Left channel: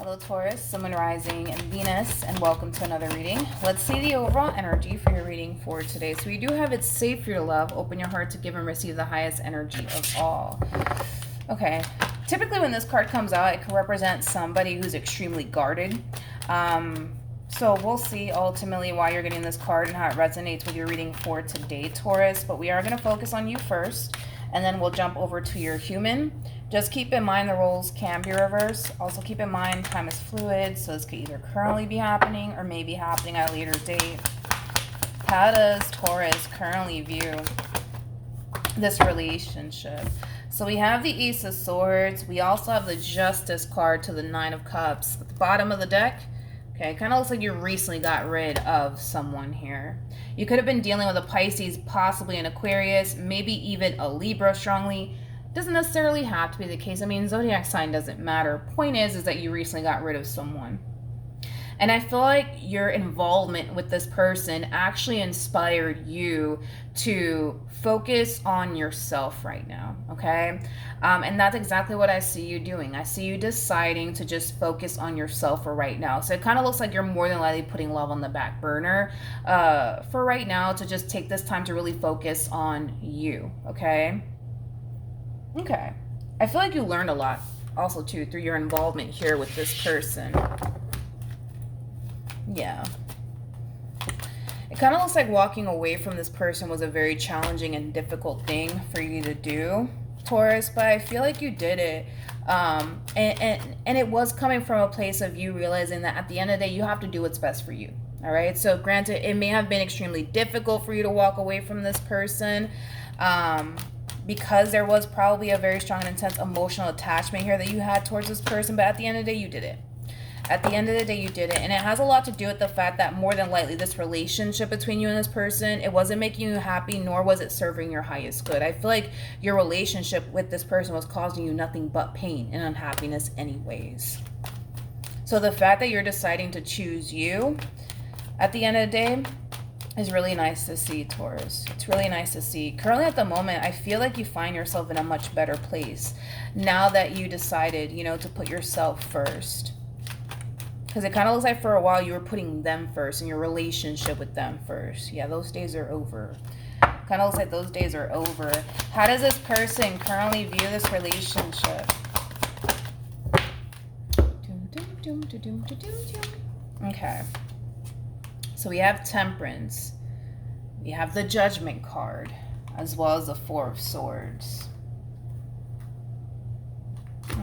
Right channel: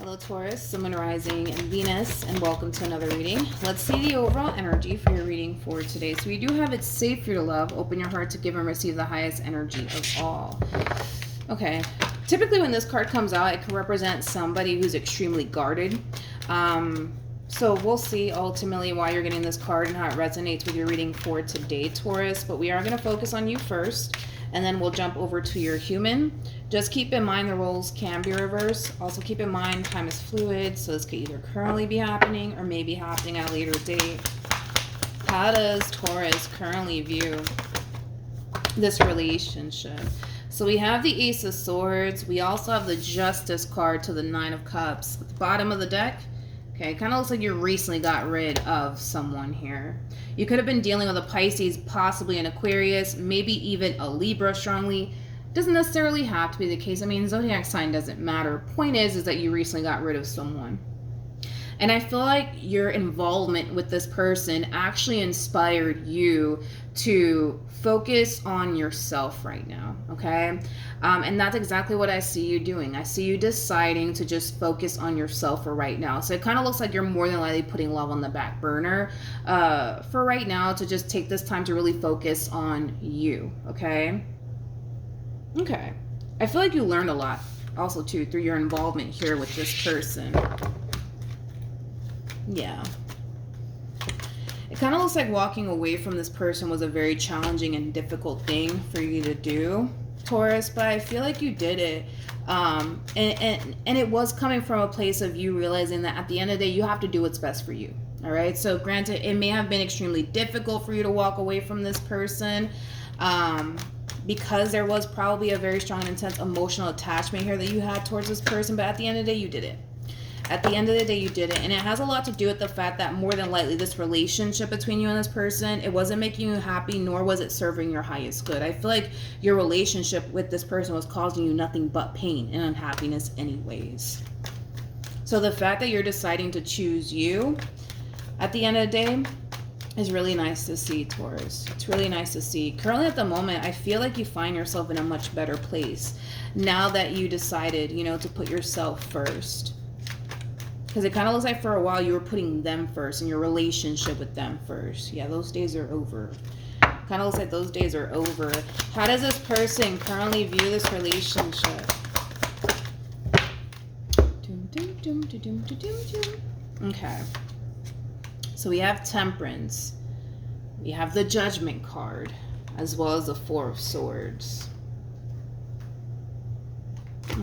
Hello Taurus, Sun, Moon, Rising, and Venus, and welcome to another reading. Let's see the overall energy for your reading for today. So we do have it's safe for your love. Open your heart to give and receive the highest energy of all. Okay. Typically when this card comes out, it can represent somebody who's extremely guarded. So we'll see ultimately why you're getting this card and how it resonates with your reading for today, Taurus. But we are going to focus on you first, and then we'll jump over to your human. Just keep in mind the roles can be reversed. Also keep in mind time is fluid, so this could either currently be happening or may be happening at a later date. How does Taurus currently view this relationship? So we have the Ace of Swords. We also have the Justice card to the Nine of Cups. At the bottom of the deck, okay, kind of looks like you recently got rid of someone here. You could have been dealing with a Pisces, possibly an Aquarius, maybe even a Libra strongly. Doesn't necessarily have to be the case. I mean, zodiac sign doesn't matter. Point is that you recently got rid of someone. And I feel like your involvement with this person actually inspired you to focus on yourself right now, okay? And that's exactly what I see you doing. I see you deciding to just focus on yourself for right now. So it kind of looks like you're more than likely putting love on the back burner for right now, to just take this time to really focus on you, okay? Okay. I feel like you learned a lot also too through your involvement here with this person. Yeah. It kind of looks like walking away from this person was a very challenging and difficult thing for you to do, Taurus, but I feel like you did it. And it was coming from a place of you realizing that at the end of the day, you have to do what's best for you. All right. So granted, it may have been extremely difficult for you to walk away from this person, because there was probably a very strong and intense emotional attachment here that you had towards this person, but at the end of the day, you did it. At the end of the day, you did it. And it has a lot to do with the fact that more than likely this relationship between you and this person, it wasn't making you happy, nor was it serving your highest good. I feel like your relationship with this person was causing you nothing but pain and unhappiness anyways. So the fact that you're deciding to choose you at the end of the day is really nice to see, Taurus. It's really nice to see. Currently at the moment, I feel like you find yourself in a much better place now that you decided, to put yourself first. Because it kind of looks like for a while you were putting them first and your relationship with them first. Yeah, those days are over. Kind of looks like those days are over. How does this person currently view this relationship? Okay. So we have Temperance. We have the Judgment card, as well as the Four of Swords.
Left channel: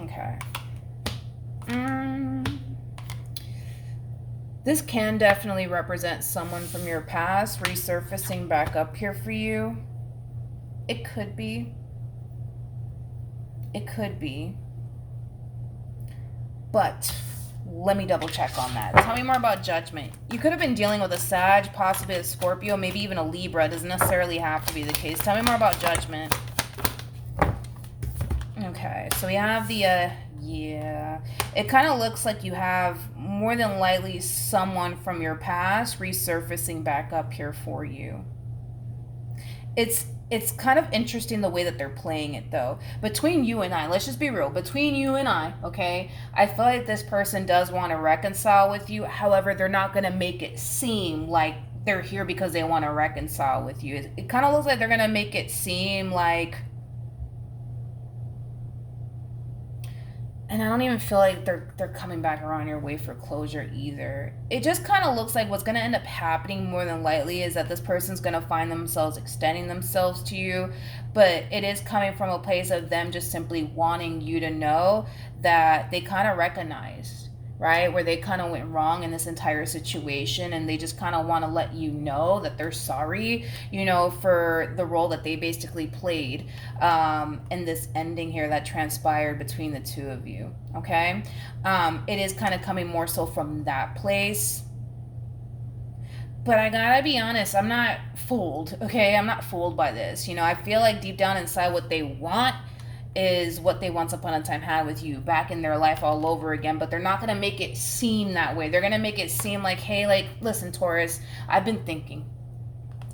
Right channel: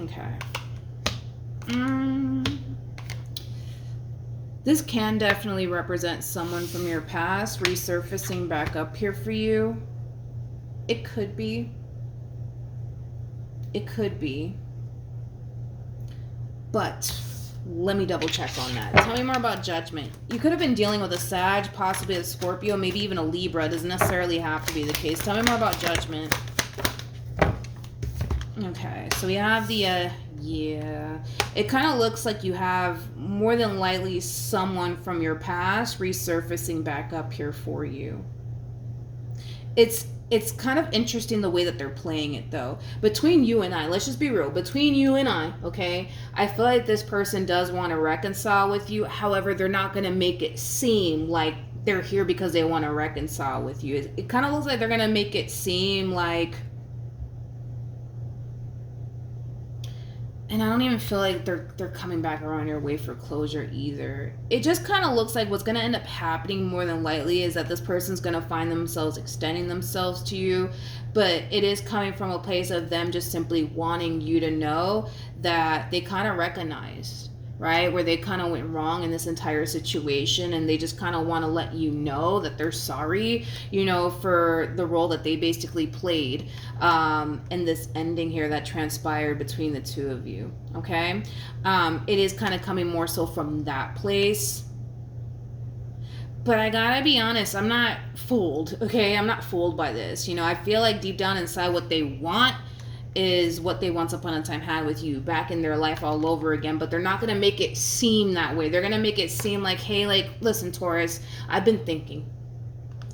Okay. This can definitely represent someone from your past resurfacing back up here for you. It could be. It could be. But let me double check on that. Tell me more about Judgment. You could have been dealing with a Sag, possibly a Scorpio, maybe even a Libra. It doesn't necessarily have to be the case. Tell me more about Judgment. Okay, so we have the, yeah. It kind of looks like you have more than likely someone from your past resurfacing back up here for you. It's kind of interesting the way that they're playing it, though. Between you and I, let's just be real. Between you and I, okay, I feel like this person does want to reconcile with you. However, they're not going to make it seem like they're here because they want to reconcile with you. It kind of looks like they're going to make it seem like... And I don't even feel like they're coming back around your way for closure either. It just kind of looks like what's going to end up happening more than likely is that this person's going to find themselves extending themselves to you. But it is coming from a place of them just simply wanting you to know that they kind of recognized, right, where they kind of went wrong in this entire situation, and they just kind of want to let you know that they're sorry, for the role that they basically played in this ending here that transpired between the two of you, okay? It is kind of coming more so from that place. But I gotta be honest, I'm not fooled, okay? I'm not fooled by this. I feel like deep down inside what they want is what they once upon a time had with you back in their life all over again, but they're not going to make it seem that way. They're going to make it seem like, hey, listen, Taurus, I've been thinking.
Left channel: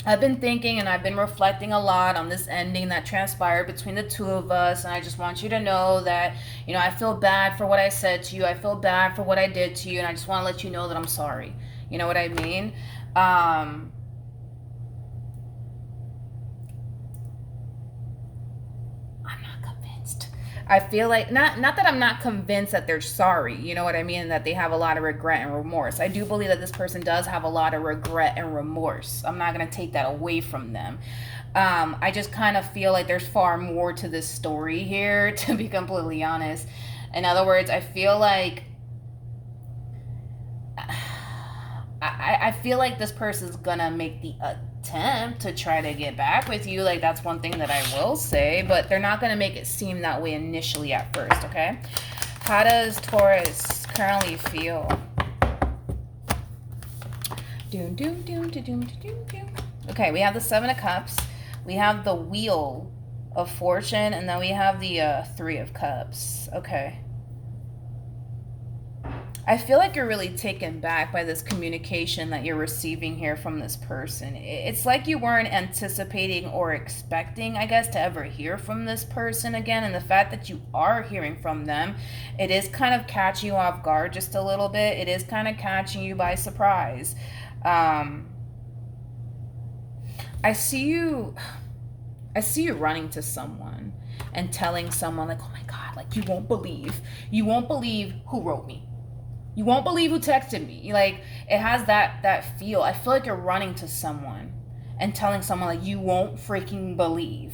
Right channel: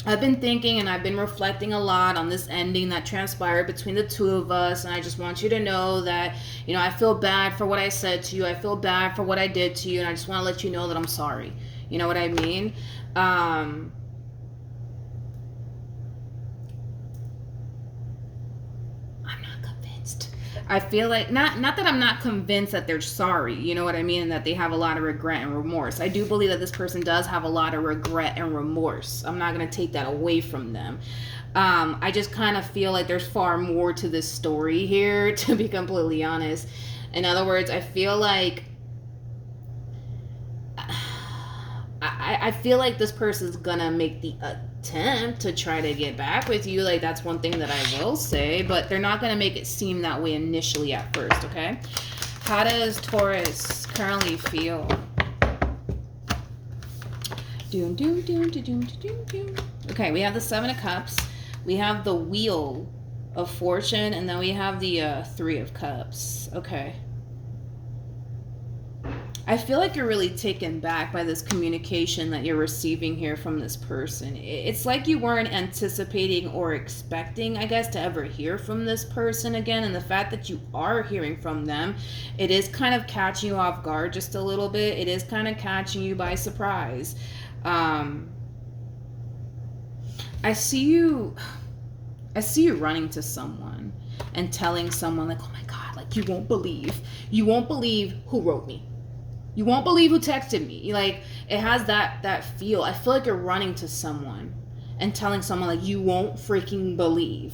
I've been thinking and I've been reflecting a lot on this ending that transpired between the two of us, and I just want you to know that, you know, I feel bad for what I said to you. I feel bad for what I did to you, and I just want to let you know that I'm sorry. You know what I mean? I'm not convinced. I feel like not that I'm not convinced that they're sorry, you know what I mean, that they have a lot of regret and remorse. I do believe that this person does have a lot of regret and remorse. I'm not going to take that away from them. I just kind of feel like there's far more to this story here, to be completely honest. In other words, I feel like I feel like this person's gonna make the attempt to try to get back with you. Like, that's one thing that I will say, but they're not gonna make it seem that way initially at first, okay? How does Taurus currently feel? Doom, doom, doom, doom, doom, doom. Okay, we have the Seven of Cups. We have the Wheel of Fortune, and then we have the Three of Cups. Okay. I feel like you're really taken back by this communication that you're receiving here from this person. It's like you weren't anticipating or expecting, I guess, to ever hear from this person again. And the fact that you are hearing from them, it is kind of catching you off guard just a little bit. It is kind of catching you by surprise. I see you running to someone and telling someone like, oh my God, like you won't believe who wrote me. You won't believe who texted me. Like, it has that feel. I feel like you're running to someone and telling someone like, you won't freaking believe.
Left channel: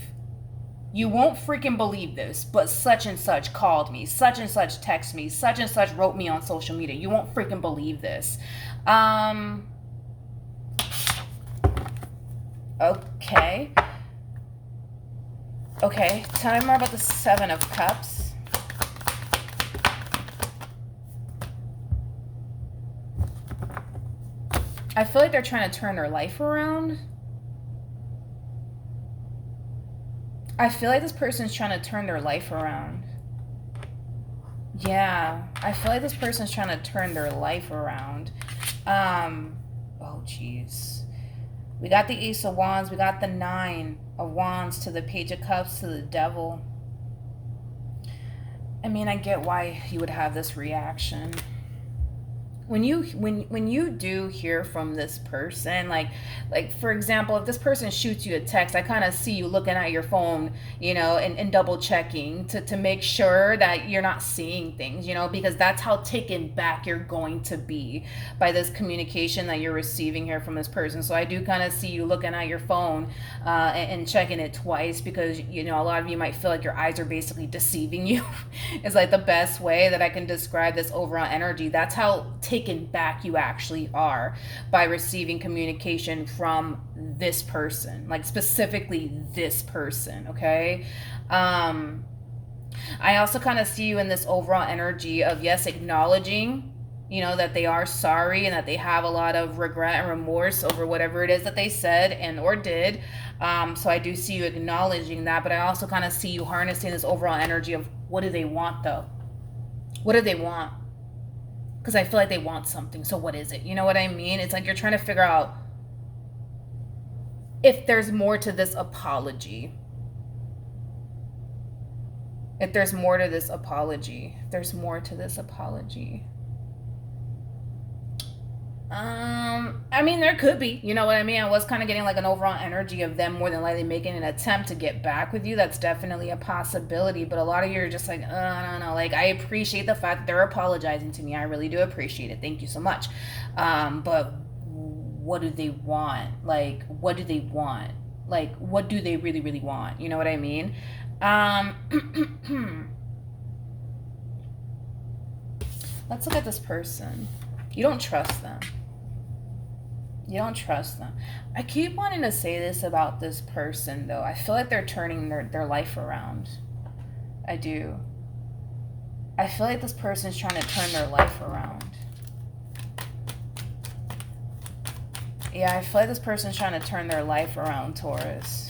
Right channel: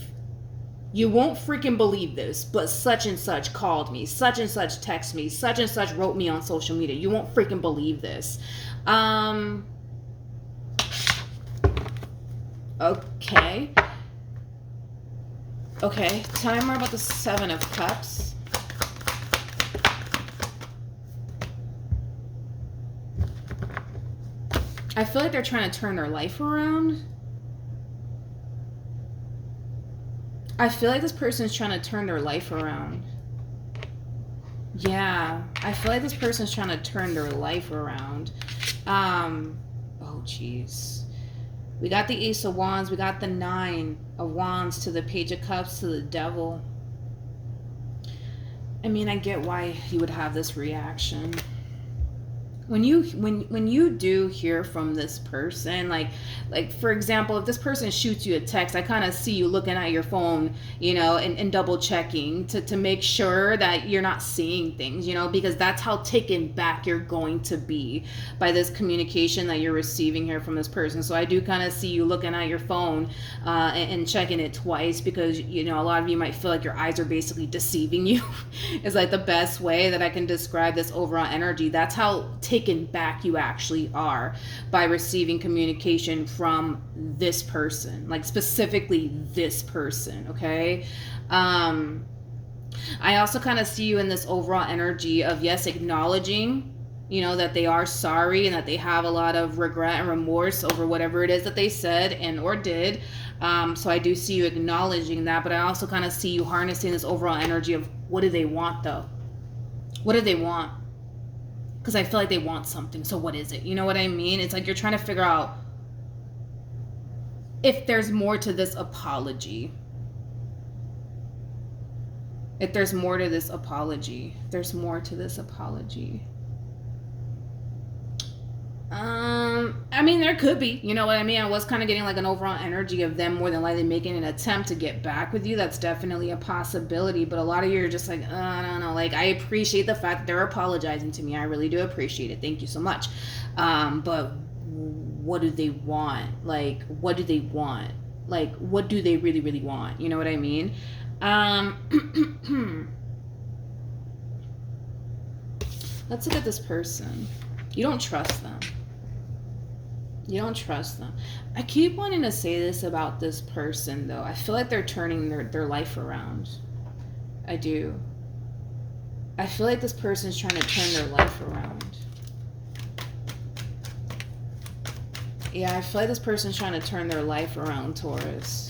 You won't freaking believe this, but such and such called me, such and such texted me, such and such wrote me on social media. You won't freaking believe this. Okay. Okay, tell me more about the Seven of Cups. I feel like they're trying to turn their life around. I feel like this person's trying to turn their life around. Yeah, I feel like this person's trying to turn their life around. Oh, jeez. We got the Ace of Wands. We got the Nine of Wands to the Page of Cups to the Devil. I mean, I get why you would have this reaction. When you do hear from this person, like for example, if this person shoots you a text, I kind of see you looking at your phone, you know, and double checking to make sure that you're not seeing things, you know, because that's how taken back you're going to be by this communication that you're receiving here from this person. So I do kind of see you looking at your phone and checking it twice, because, you know, a lot of you might feel like your eyes are basically deceiving you. Is like the best way that I can describe this overall energy. That's how taken back you actually are by receiving communication from this person, like specifically this person. Okay. I also kind of see you in this overall energy of, yes, acknowledging, you know, that they are sorry and that they have a lot of regret and remorse over whatever it is that they said and or did. So I do see you acknowledging that, but I also kind of see you harnessing this overall energy of, what do they want though? What do they want? Because I feel like they want something. So what is it? You know what I mean? It's like you're trying to figure out if there's more to this apology. If there's more to this apology. If there's more to this apology. I mean, there could be, you know what I mean? I was kind of getting like an overall energy of them more than likely making an attempt to get back with you. That's definitely a possibility, but a lot of you are just like, I don't know. Like, I appreciate the fact that they're apologizing to me. I really do appreciate it. Thank you so much. But what do they want? Like, what do they want? Like, what do they really, really want? You know what I mean? Let's look at this person. You don't trust them. You don't trust them. I keep wanting to say this about this person, though. I feel like they're turning their life around. I do. I feel like this person's trying to turn their life around. Yeah, I feel like this person's trying to turn their life around, Taurus.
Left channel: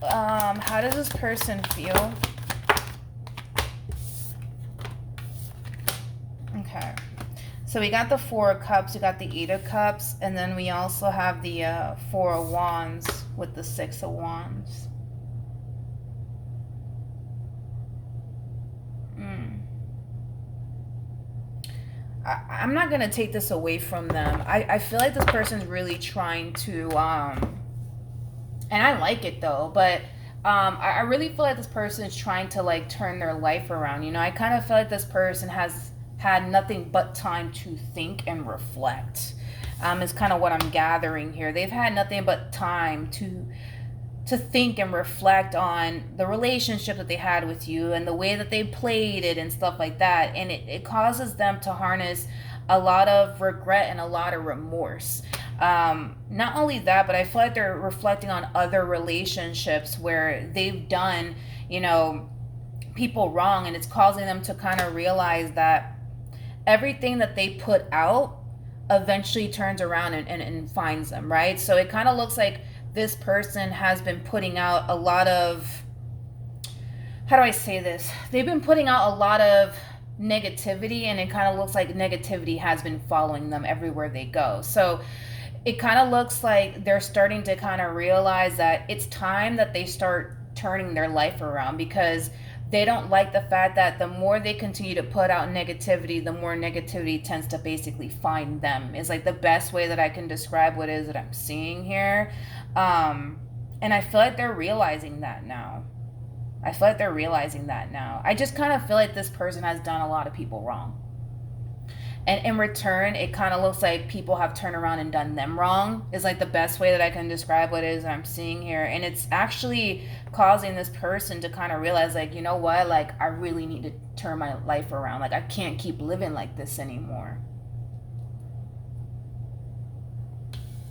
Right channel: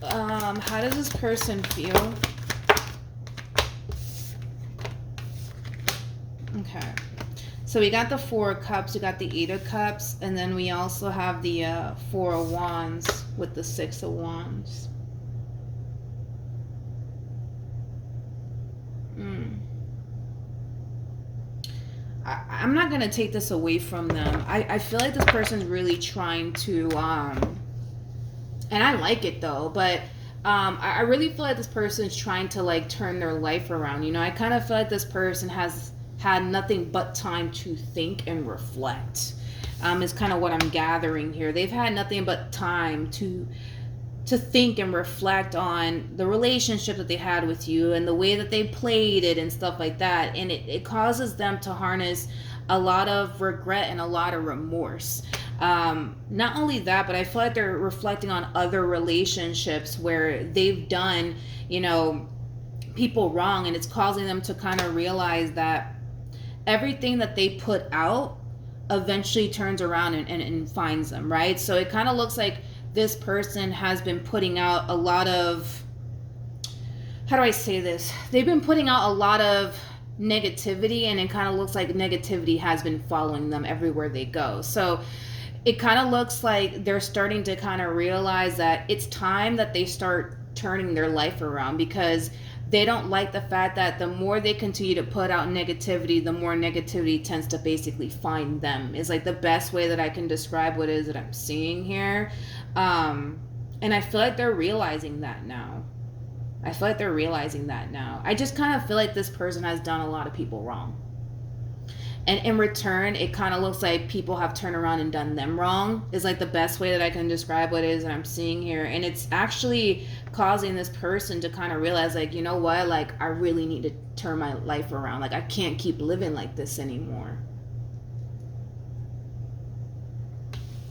How does this person feel? Okay. So we got the Four of Cups, we got the Eight of Cups, and then we also have the Four of Wands with the Six of Wands. I'm not going to take this away from them. I feel like this person's really trying to, and I like it though, but I really feel like this person is trying to like turn their life around. You know, I kind of feel like this person has had nothing but time to think and reflect. Is kind of what I'm gathering here. They've had nothing but time to think and reflect on the relationship that they had with you and the way that they played it and stuff like that. And it causes them to harness a lot of regret and a lot of remorse. Not only that, but I feel like they're reflecting on other relationships where they've done, you know, people wrong, and it's causing them to kind of realize that everything that they put out eventually turns around and finds them, right? So it kind of looks like this person has been putting out a lot of, how do I say this? They've been putting out a lot of negativity, and it kind of looks like negativity has been following them everywhere they go. So it kind of looks like they're starting to kind of realize that it's time that they start turning their life around, because they don't like the fact that the more they continue to put out negativity, the more negativity tends to basically find them. Is like the best way that I can describe what it is that I'm seeing here. And I feel like they're realizing that now. I just kind of feel like this person has done a lot of people wrong. And in return, it kind of looks like people have turned around and done them wrong, is like the best way that I can describe what it is that I'm seeing here. And it's actually causing this person to kind of realize, like, you know what, like, I really need to turn my life around. Like, I can't keep living like this anymore.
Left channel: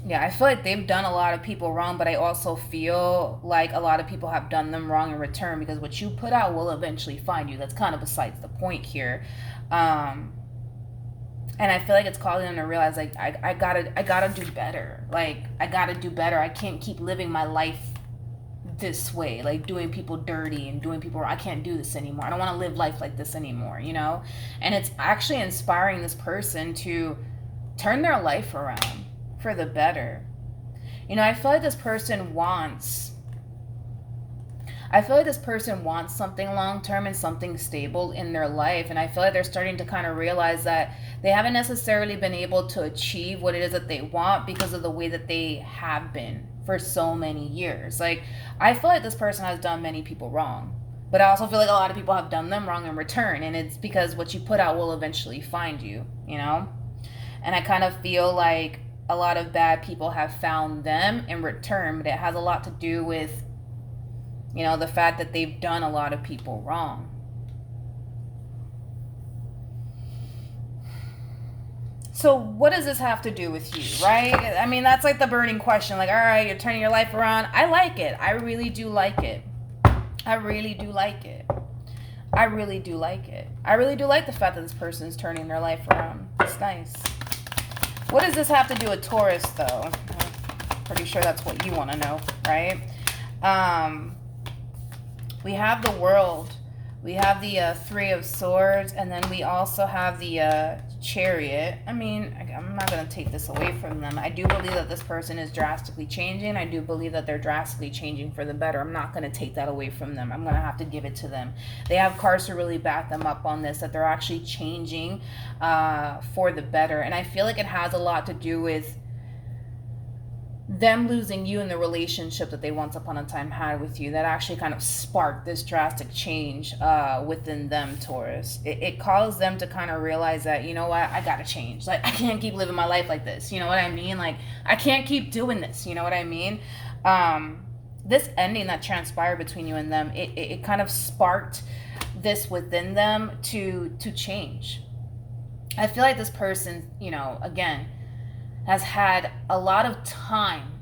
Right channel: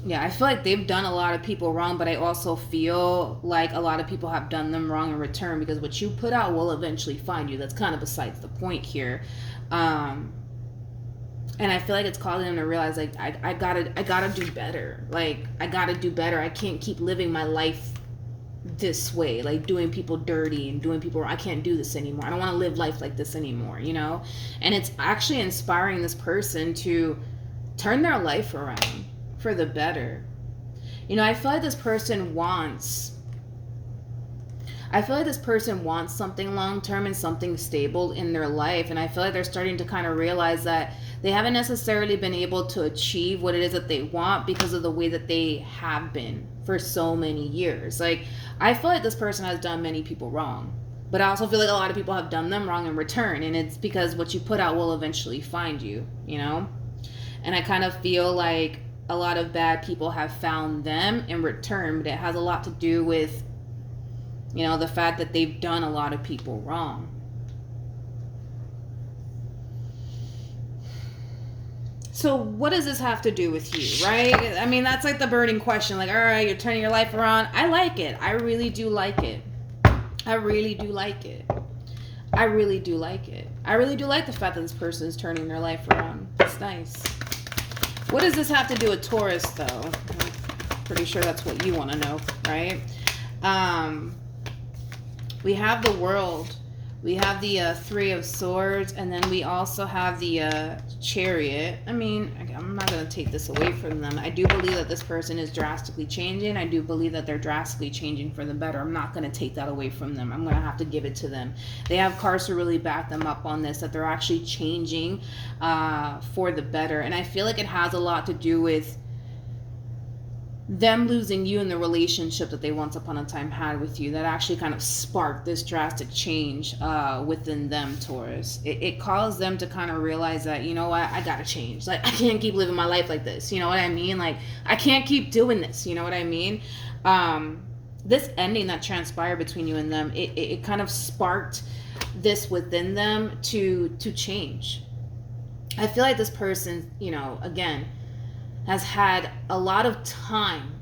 Yeah, I feel like they've done a lot of people wrong, but I also feel like a lot of people have done them wrong in return, because what you put out will eventually find you. That's kind of besides the point here. And I feel like it's causing them to realize, like, I gotta do better. Like, I gotta do better. I can't keep living my life this way, like doing people dirty and doing people wrong. I can't do this anymore. I don't want to live life like this anymore, you know? And it's actually inspiring this person to turn their life around for the better. You know, I feel like this person wants something long-term and something stable in their life. And I feel like they're starting to kind of realize that they haven't necessarily been able to achieve what it is that they want because of the way that they have been for so many years. Like, I feel like this person has done many people wrong, but I also feel like a lot of people have done them wrong in return. And it's because what you put out will eventually find you, you know? And I kind of feel like a lot of bad people have found them in return, but it has a lot to do with, you know, the fact that they've done a lot of people wrong. So what does this have to do with you, right? I mean, that's like the burning question. Like, all right, you're turning your life around. I like it. I really do like it. I really do like it. I really do like it. I really do like the fact that this person is turning their life around. It's nice. What does this have to do with Taurus, though? I'm pretty sure that's what you want to know, right? We have the World. We have the Three of Swords, and then we also have the Chariot. I mean, I'm not going to take this away from them. I do believe that this person is drastically changing. I do believe that they're drastically changing for the better. I'm not going to take that away from them. I'm going to have to give it to them. They have cards to really back them up on this, that they're actually changing for the better. And I feel like it has a lot to do with them losing you in the relationship that they once upon a time had with you, that actually kind of sparked this drastic change within them, Taurus. It caused them to kind of realize that, you know what, I gotta change. Like, I can't keep living my life like this. You know what I mean? Like, I can't keep doing this. You know what I mean? This ending that transpired between you and them, it kind of sparked this within them to change. I feel like this person, you know, again, has had a lot of time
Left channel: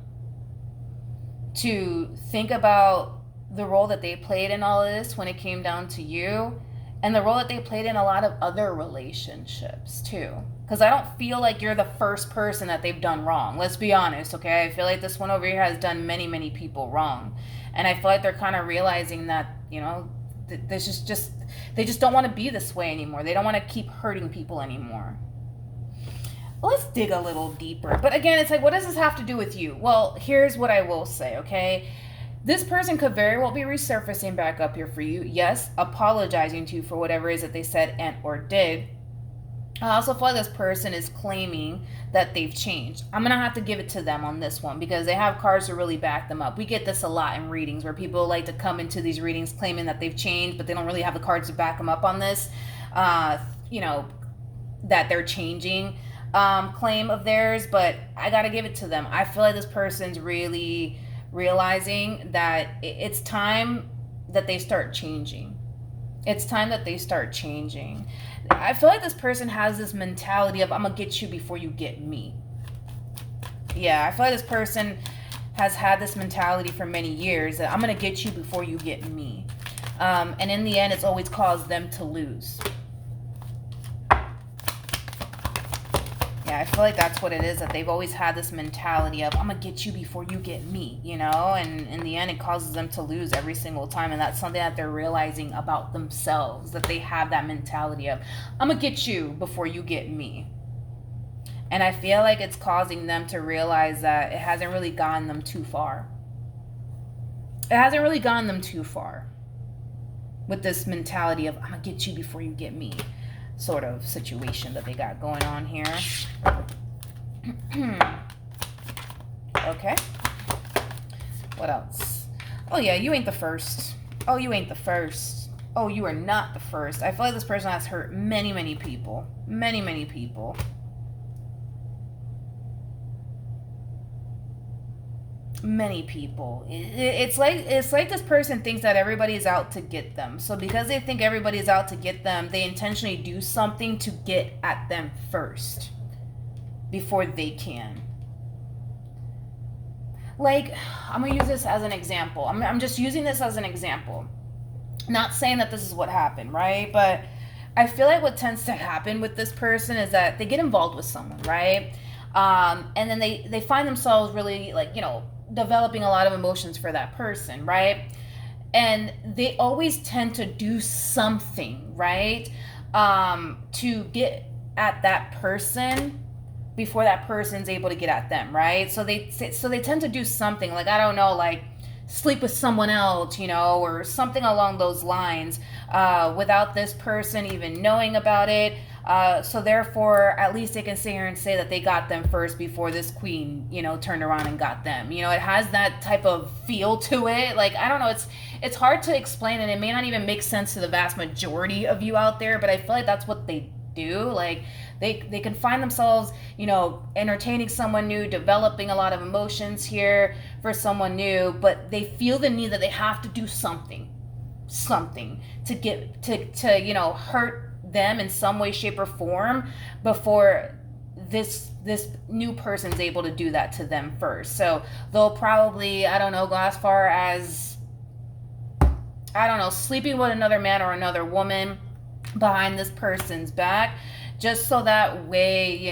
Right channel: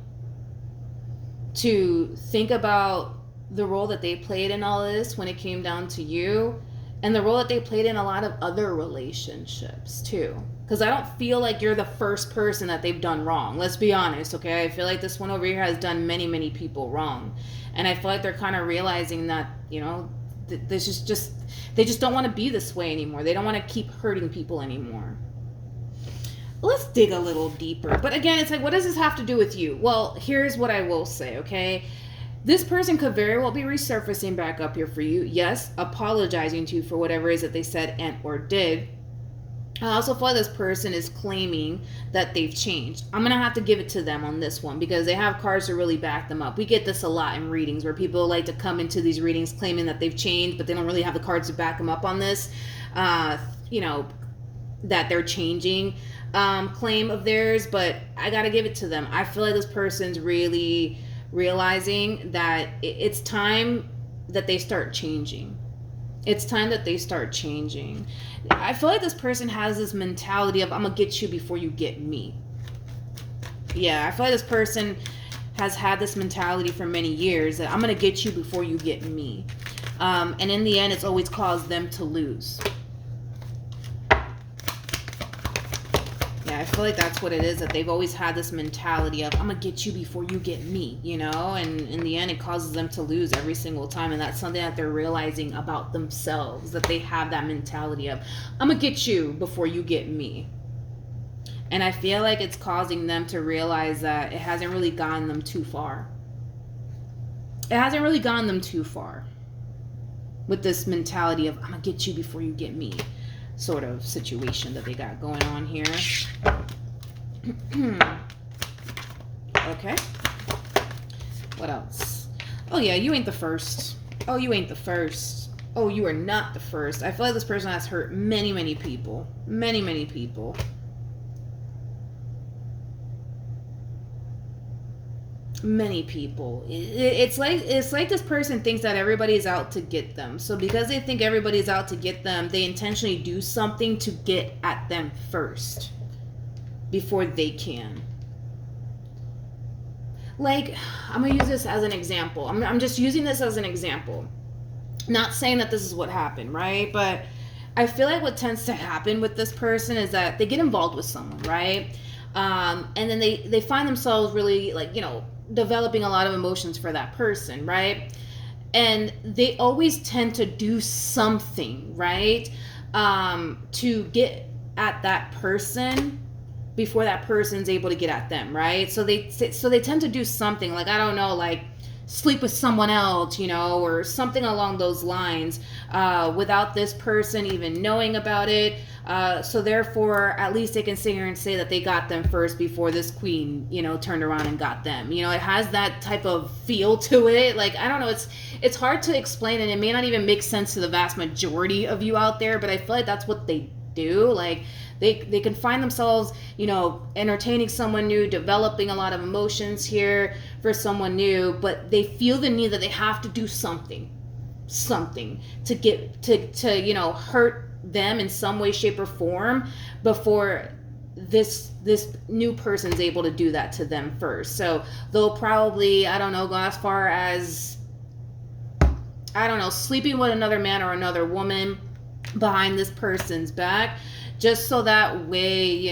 to think about the role that they played in all of this when it came down to you, and the role that they played in a lot of other relationships too. Because I don't feel like you're the first person that they've done wrong. Let's be honest, okay? I feel like this one over here has done many, many people wrong. And I feel like they're kind of realizing that, you know, they just don't want to be this way anymore. They don't want to keep hurting people anymore. let's dig a little deeper. But again, it's like, what does this have to do with you? Well, here's what I will say, okay? This person could very well be resurfacing back up here for you. Yes, apologizing to you for whatever it is that they said and or did. I also feel like this person is claiming that they've changed. I'm going to have to give it to them on this one because they have cards to really back them up. We get this a lot in readings where people like to come into these readings claiming that they've changed, but they don't really have the cards to back them up on this, that they're changing claim of theirs. But I got to give it to them. I feel like this person's really realizing that it's time that they start changing. It's time that they start changing. I feel like this person has this mentality of, I'm going to get you before you get me. Yeah, I feel like this person has had this mentality for many years that I'm going to get you before you get me. And in the end, it's always caused them to lose. I feel like that's what it is, that they've always had this mentality of, I'm gonna get you before you get me, and in the end it causes them to lose every single time. And that's something that they're realizing about themselves, that they have that mentality of, I'm gonna get you before you get me. And I feel like it's causing them to realize that it hasn't really gotten them too far. It hasn't really gotten them too far with this mentality of, I'm gonna get you before you get me sort of situation that they got going on here. Okay. What else? Oh yeah, you ain't the first. Oh, you ain't the first. Oh, you are not the first. I feel like this person has hurt many, many people. Many, many people. Many people. It's like this person thinks that everybody is out to get them. So because they think everybody is out to get them, they intentionally do something to get at them first before they can. Like, I'm gonna use this as an example. I'm just using this as an example. Not saying that this is what happened, right? But I feel like what tends to happen with this person is that they get involved with someone, right? And then they find themselves really, like, developing a lot of emotions for that person, right? And they always tend to do something, right? To get at that person before that person's able to get at them, right? So they tend to do something, like, I don't know, like sleep with someone else, or something along those lines, without this person even knowing about it. So therefore, at least they can sit here and say that they got them first before this queen, turned around and got them. It has that type of feel to it. Like, I don't know, it's hard to explain, and it may not even make sense to the vast majority of you out there, but I feel like that's what they do. Like, they can find themselves, entertaining someone new, developing a lot of emotions here for someone new, but they feel the need that they have to do something to get to hurt them in some way, shape, or form before this new person's able to do that to them first. So they'll probably, I don't know, go as far as, I don't know, sleeping with another man or another woman behind this person's back, just so that way,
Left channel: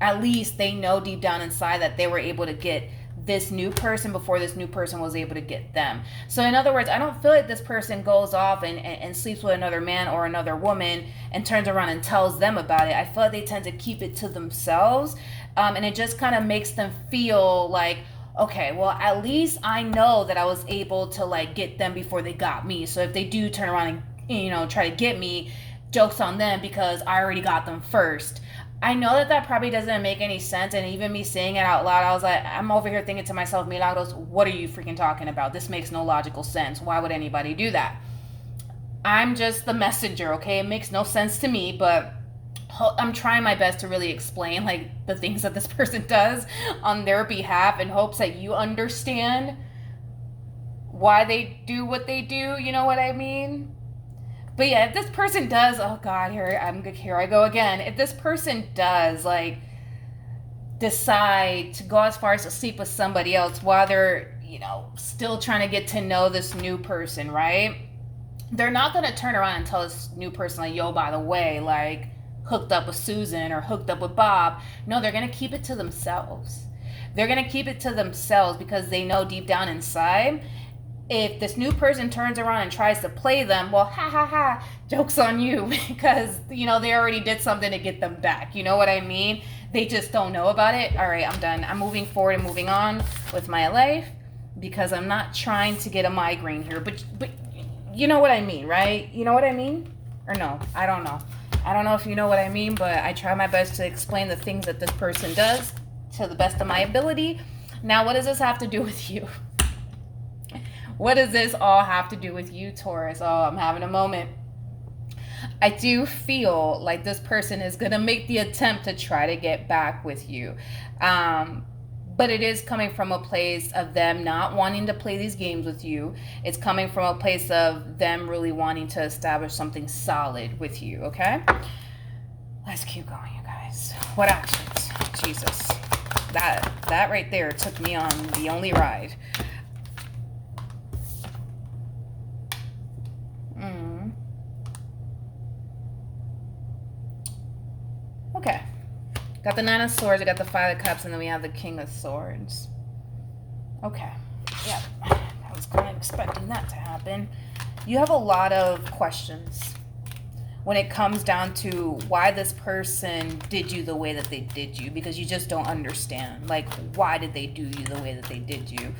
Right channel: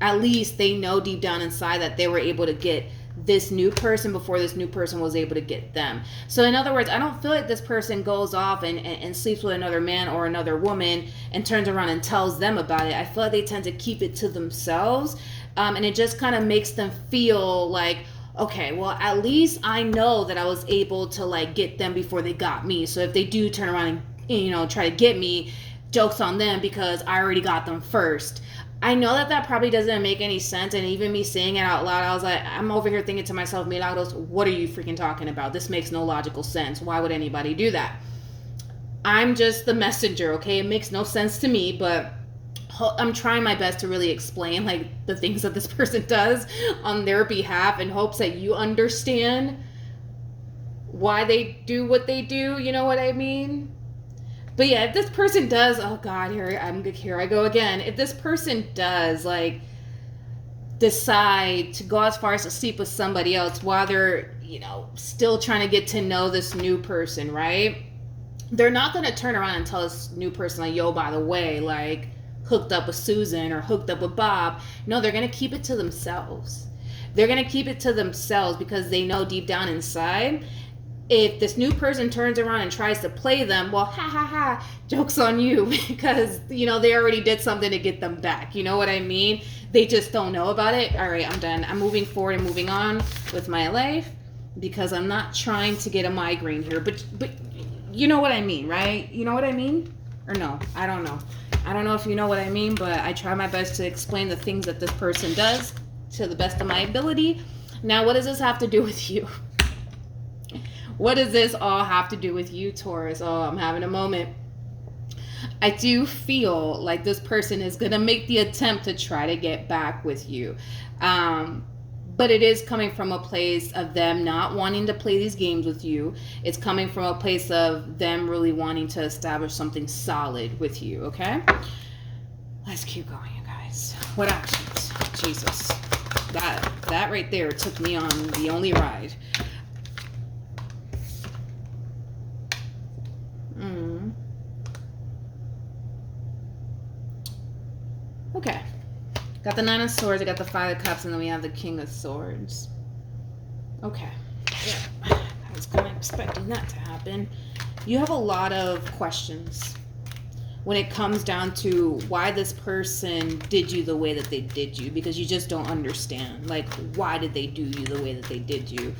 at least they know deep down inside that they were able to get this new person before this new person was able to get them. So in other words, I don't feel like this person goes off and sleeps with another man or another woman and turns around and tells them about it. I feel like they tend to keep it to themselves, and it just kind of makes them feel like, okay, well, at least I know that I was able to, like, get them before they got me. So if they do turn around and try to get me, joke's on them because I already got them first. I know that probably doesn't make any sense, and even me saying it out loud, I was like, I'm over here thinking to myself, Milagros, what are you freaking talking about? This makes no logical sense. Why would anybody do that? I'm just the messenger, okay? It makes no sense to me, but I'm trying my best to really explain, like, the things that this person does on their behalf in hopes that you understand why they do what they do, you know what I mean? But yeah, if this person does, oh God, here I go again. If this person does, like, decide to go as far as to sleep with somebody else while they're, still trying to get to know this new person, right? They're not going to turn around and tell this new person, like, yo, by the way, like, hooked up with Susan or hooked up with Bob. No, they're going to keep it to themselves. They're going to keep it to themselves because they know deep down inside If this new person turns around and tries to play them, well, ha ha ha, joke's on you because, you know, they already did something to get them back. You know what I mean? They just don't know about it. All right, I'm done. I'm moving forward and moving on with my life because I'm not trying to get a migraine here. But you know what I mean, right? You know what I mean? Or no, I don't know. I don't know if you know what I mean, but I try my best to explain the things that this person does to the best of my ability. Now, what does this have to do with you? What does this all have to do with you, Taurus? Oh, I'm having a moment. I do feel like this person is going to make the attempt to try to get back with you. But it is coming from a place of them not wanting to play these games with you. It's coming from a place of them really wanting to establish something solid with you, okay? Let's keep going, you guys. What actions? Jesus. That right there took me on the only ride. Okay. Got the Nine of Swords, I got the Five of Cups, and then we have the King of Swords. Okay. Yeah. I was kind of expecting that to happen. You have a lot of questions when it comes down to why this person did you the way that they did you, because you just don't understand. Like, why did they do you the way that they did you?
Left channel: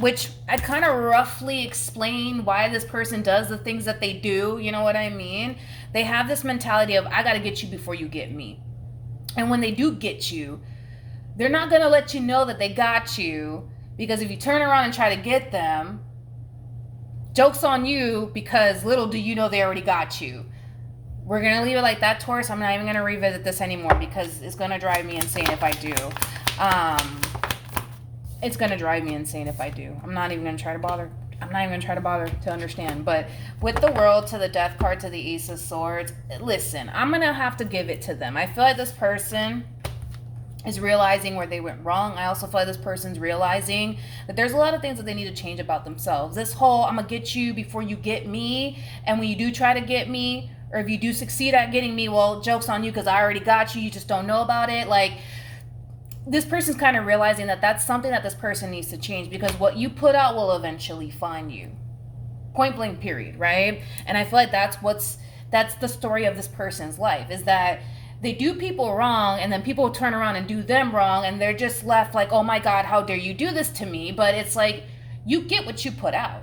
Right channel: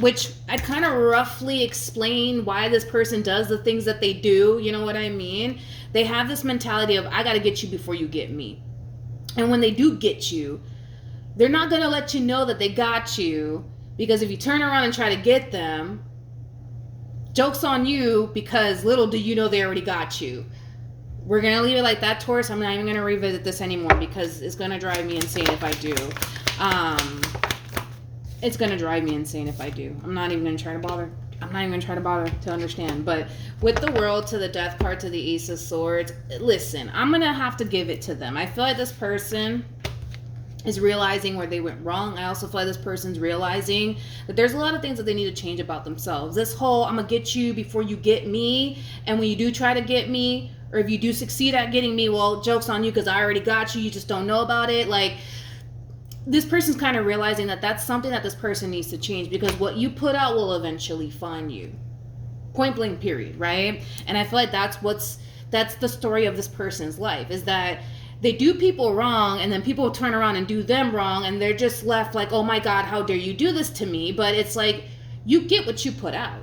Which I kind of roughly explain why this person does the things that they do. You know what I mean? They have this mentality of, I got to get you before you get me. And when they do get you, they're not going to let you know that they got you, because if you turn around and try to get them, joke's on you, because little do you know they already got you. We're going to leave it like that, Taurus. I'm not even going to revisit this anymore because it's going to drive me insane if I do. It's going to drive me insane if I do. I'm not even going to try to bother. I'm not even going to try to bother to understand. But with the World to the Death card to the Ace of Swords, listen, I'm going to have to give it to them. I feel like this person is realizing where they went wrong. I also feel like this person's realizing that there's a lot of things that they need to change about themselves. This whole, I'm going to get you before you get me, and when you do try to get me, or if you do succeed at getting me, well, joke's on you because I already got you. You just don't know about it. Like, this person's kind of realizing that that's something that this person needs to change, because what you put out will eventually find you. Point blank, period, right? And I feel like that's the story of this person's life, is that they do people wrong, and then people turn around and do them wrong, and they're just left like, oh my God, how dare you do this to me? But it's like, you get what you put out.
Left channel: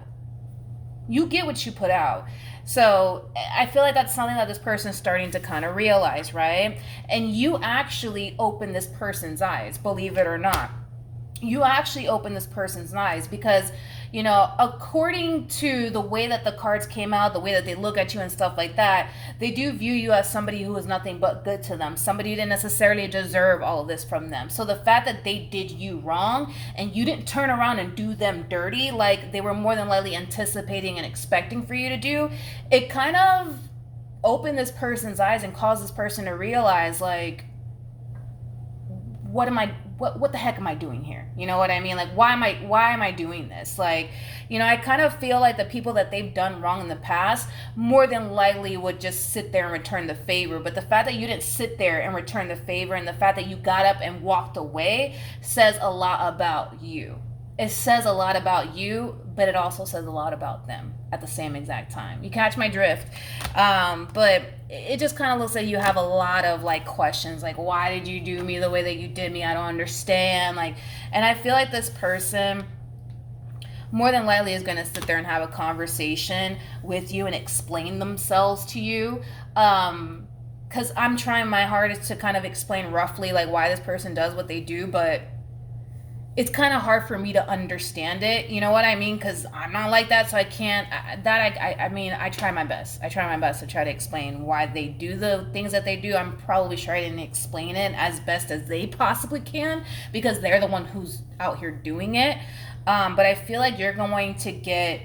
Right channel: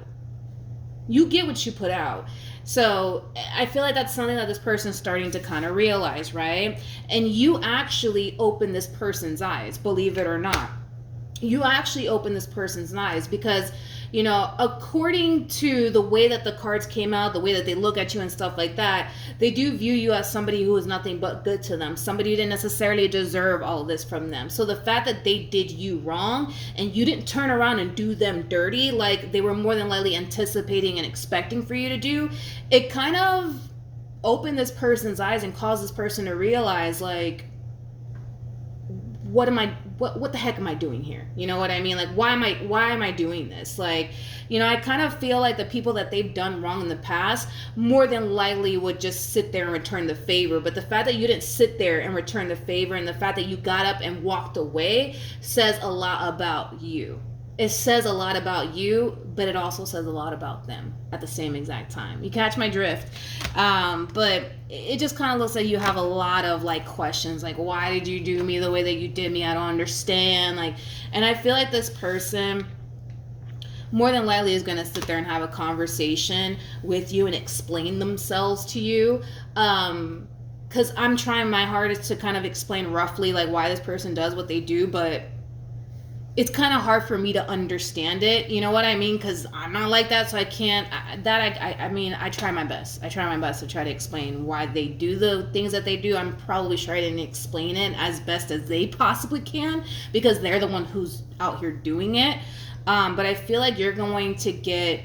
You get what you put out. So I feel like that's something that this person is starting to kind of realize, right? And you actually open this person's eyes, believe it or not. You actually open this person's eyes because, you know, according to the way that the cards came out, the way that they look at you and stuff like that, they do view you as somebody who is nothing but good to them. Somebody who didn't necessarily deserve all of this from them. So the fact that they did you wrong and you didn't turn around and do them dirty like they were more than likely anticipating and expecting for you to do, it kind of opened this person's eyes and caused this person to realize, like, what the heck am I doing here? You know what I mean? Like, why am I doing this? Like, you know, I kind of feel like the people that they've done wrong in the past more than likely would just sit there and return the favor. But the fact that you didn't sit there and return the favor, and the fact that you got up and walked away, says a lot about you. It says a lot about you, but it also says a lot about them at the same exact time. You catch my drift? But it just kind of looks like you have a lot of, like, questions, like, why did you do me the way that you did me? I don't understand. Like, and I feel like this person more than likely is going to sit there and have a conversation with you and explain themselves to you. Because I'm trying my hardest to kind of explain roughly, like, why this person does what they do, but it's kind of hard for me to understand it. You know what I mean? Because I'm not like that, so I can't. I mean, I try my best. I try my best to try to explain why they do the things that they do. I'm probably sure I didn't explain it as best as they possibly can, because they're the one who's out here doing it. But I feel like you're going to get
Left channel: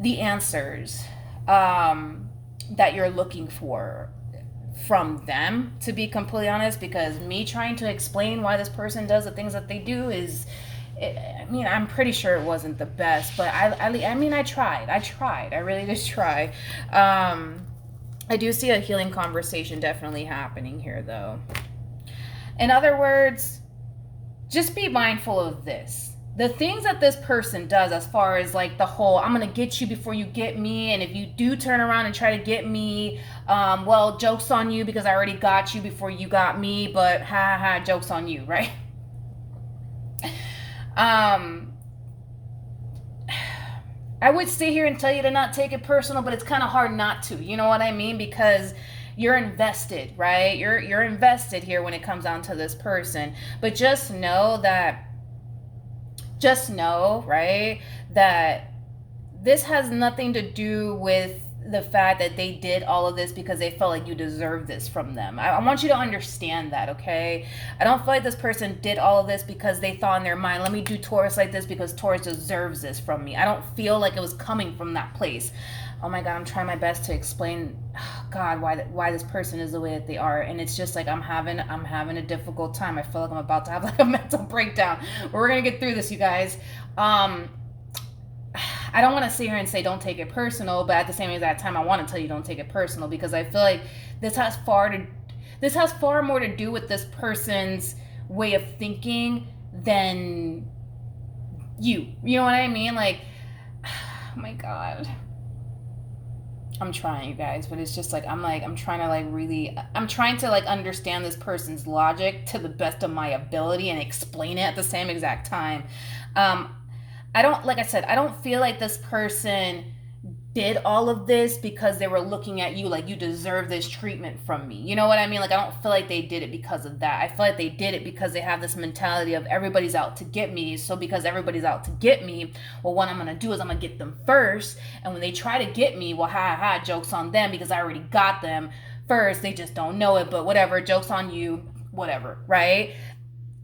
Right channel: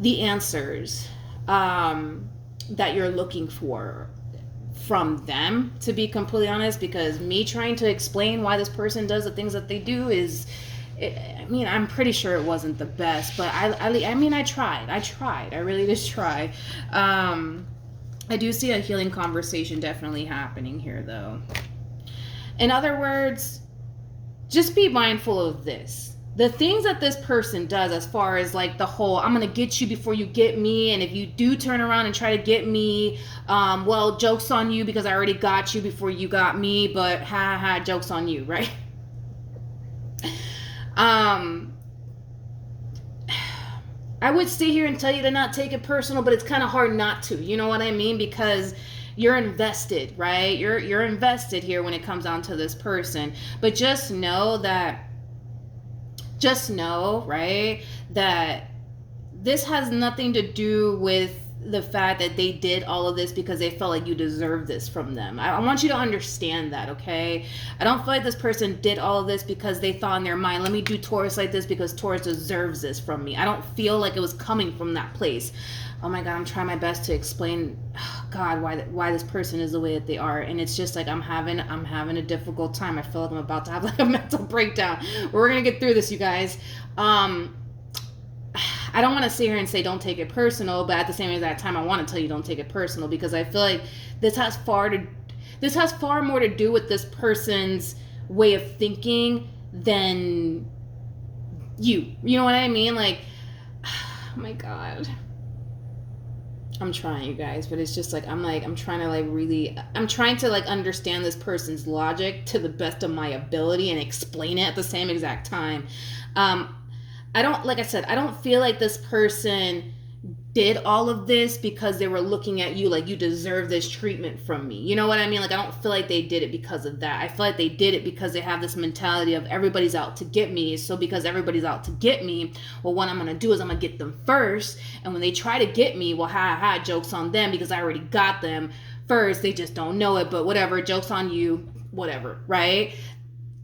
the answers that you're looking for from them, to be completely honest, because me trying to explain why this person does the things that they do is, I mean, I'm pretty sure it wasn't the best, but I mean, I tried. I really did try. I do see a healing conversation definitely happening here, though. In other words, just be mindful of this. the things that this person does, as far as like the whole I'm gonna get you before you get me, and if you do turn around and try to get me, well, joke's on you because I already got you before you got me, but ha ha, joke's on you, right? I would sit here and tell you to not take it personal, but it's kind of hard not to, you know what I mean? Because you're invested, right? You're invested here when it comes down to this person. But just know, right, that this has nothing to do with the fact that they did all of this because they felt like you deserve this from them. I want you to understand that, okay? I don't feel like this person did all of this because they thought in their mind, let me do Taurus like this because Taurus deserves this from me. I don't feel like it was coming from that place. Oh my God, I'm trying my best to explain, God, why this person is the way that they are, and it's just like I'm having a difficult time. I feel like I'm about to have like a mental breakdown. We're gonna get through this, you guys. I don't want to sit here and say don't take it personal, but at the same exact time, I want to tell you don't take it personal because I feel like this has far more to do with this person's way of thinking than you. You know what I mean? Like, oh my God. I'm trying, you guys, but it's just like I'm trying to understand this person's logic to the best of my ability and explain it at the same exact time. I don't feel like this person did all of this because they were looking at you like you deserve this treatment from me. You know what I mean? Like, I don't feel like they did it because of that. I feel like they did it because they have this mentality of everybody's out to get me. So because everybody's out to get me, well, what I'm going to do is I'm going to get them first. And when they try to get me, well, ha, joke's on them because I already got them first. They just don't know it, but whatever, joke's on you, whatever, right?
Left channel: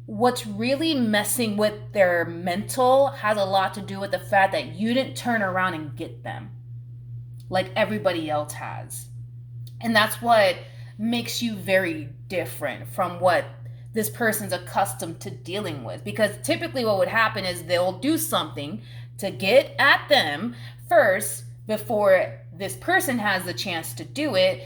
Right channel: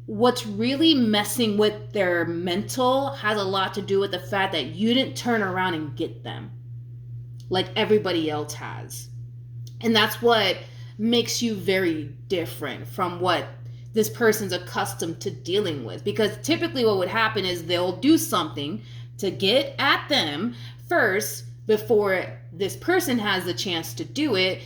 What's really messing with their mental has a lot to do with the fact that you didn't turn around and get them like everybody else has. And that's what makes you very different from what this person's accustomed to dealing with. Because typically what would happen is they'll do something to get at them first before this person has the chance to do it.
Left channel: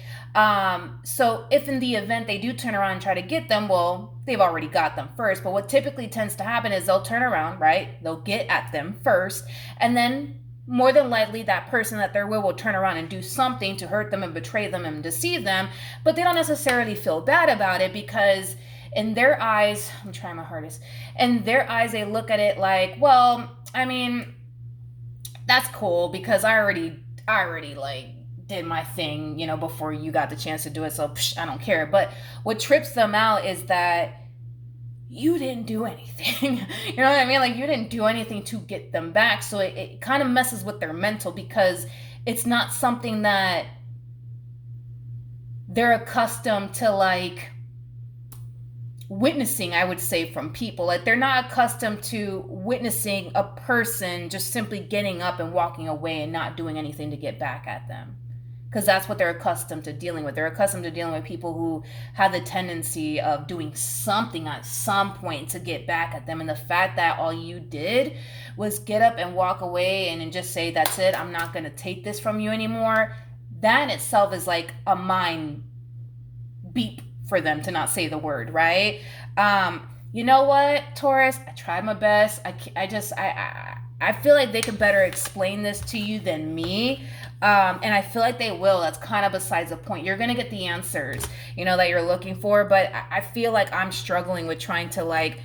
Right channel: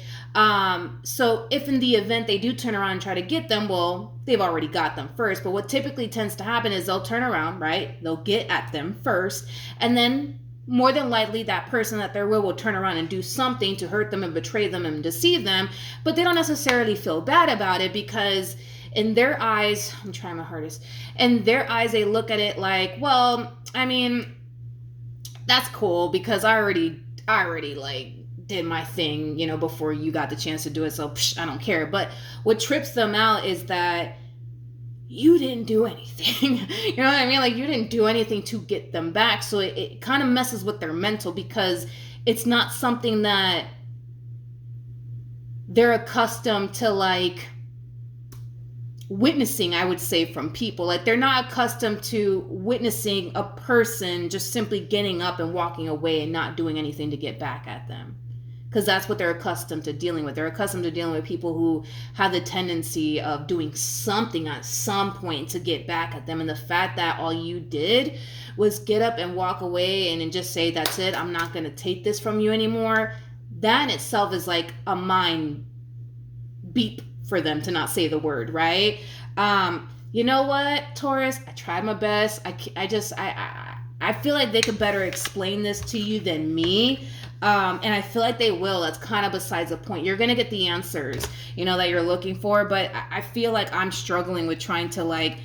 So if in the event they do turn around and try to get them, well, they've already got them first. But what typically tends to happen is they'll turn around, right? They'll get at them first, and then more than likely that person that they're with will turn around and do something to hurt them and betray them and deceive them, but they don't necessarily feel bad about it because in their eyes, I'm trying my hardest, in their eyes they look at it like, well, I mean, that's cool because I already like did my thing, you know, before you got the chance to do it, so I don't care. But what trips them out is that you didn't do anything. You know what I mean? Like, you didn't do anything to get them back. So it kind of messes with their mental because it's not something that they're accustomed to, like, witnessing, I would say, from people. Like, they're not accustomed to witnessing a person just simply getting up and walking away and not doing anything to get back at them. Because that's what they're accustomed to dealing with. They're accustomed to dealing with people who have the tendency of doing something at some point to get back at them. And the fact that all you did was get up and walk away and just say, that's it, I'm not going to take this from you anymore, that in itself is like a mind beep for them, to not say the word, right? You know what, Taurus? I tried my best. I feel like they could better explain this to you than me. And I feel like they will. That's kind of besides the point. You're going to get the answers, you know, that you're looking for. But I feel like I'm struggling with trying to, like,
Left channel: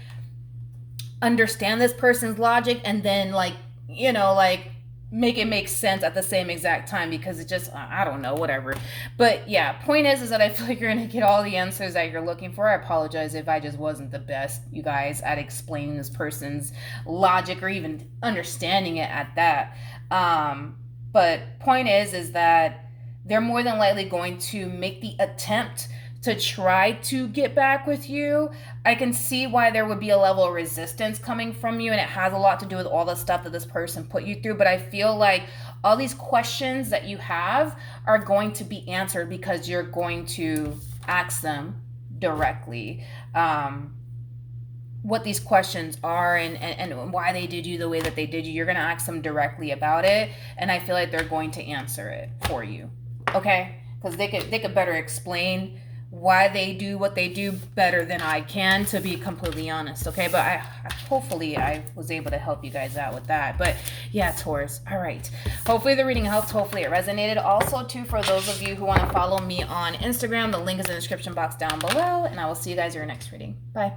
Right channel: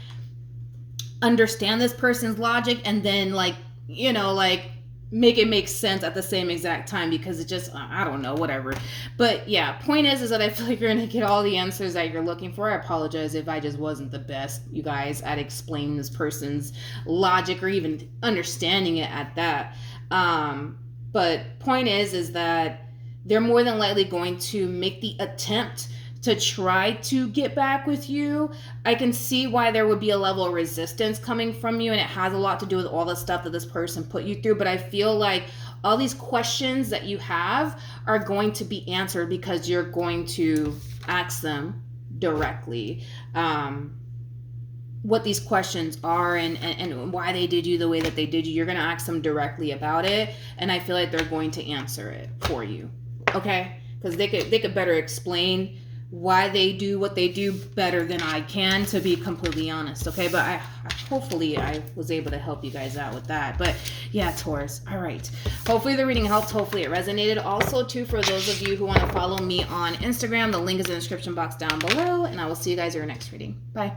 understand this person's logic and then, like, you know, like, make it make sense at the same exact time, because it just, I don't know, whatever. But yeah, point is that I feel like you're going to get all the answers that you're looking for. I apologize if I just wasn't the best, you guys, at explaining this person's logic or even understanding it at that. But point is that they're more than likely going to make the attempt to try to get back with you. I can see why there would be a level of resistance coming from you, and it has a lot to do with all the stuff that this person put you through. But I feel like all these questions that you have are going to be answered because you're going to ask them directly what these questions are and why they did you the way that they did you. You're going to ask them directly about it, and I feel like they're going to answer it for you, okay? Because they could better explain why they do what they do better than I can, to be completely honest, okay? But hopefully I was able to help you guys out with that. But yeah, Taurus, all right. Hopefully the reading helped. Hopefully it resonated. Also, too, for those of you who want to follow me on Instagram, the link is in the description box down below, and I will see you guys in your next reading. Bye.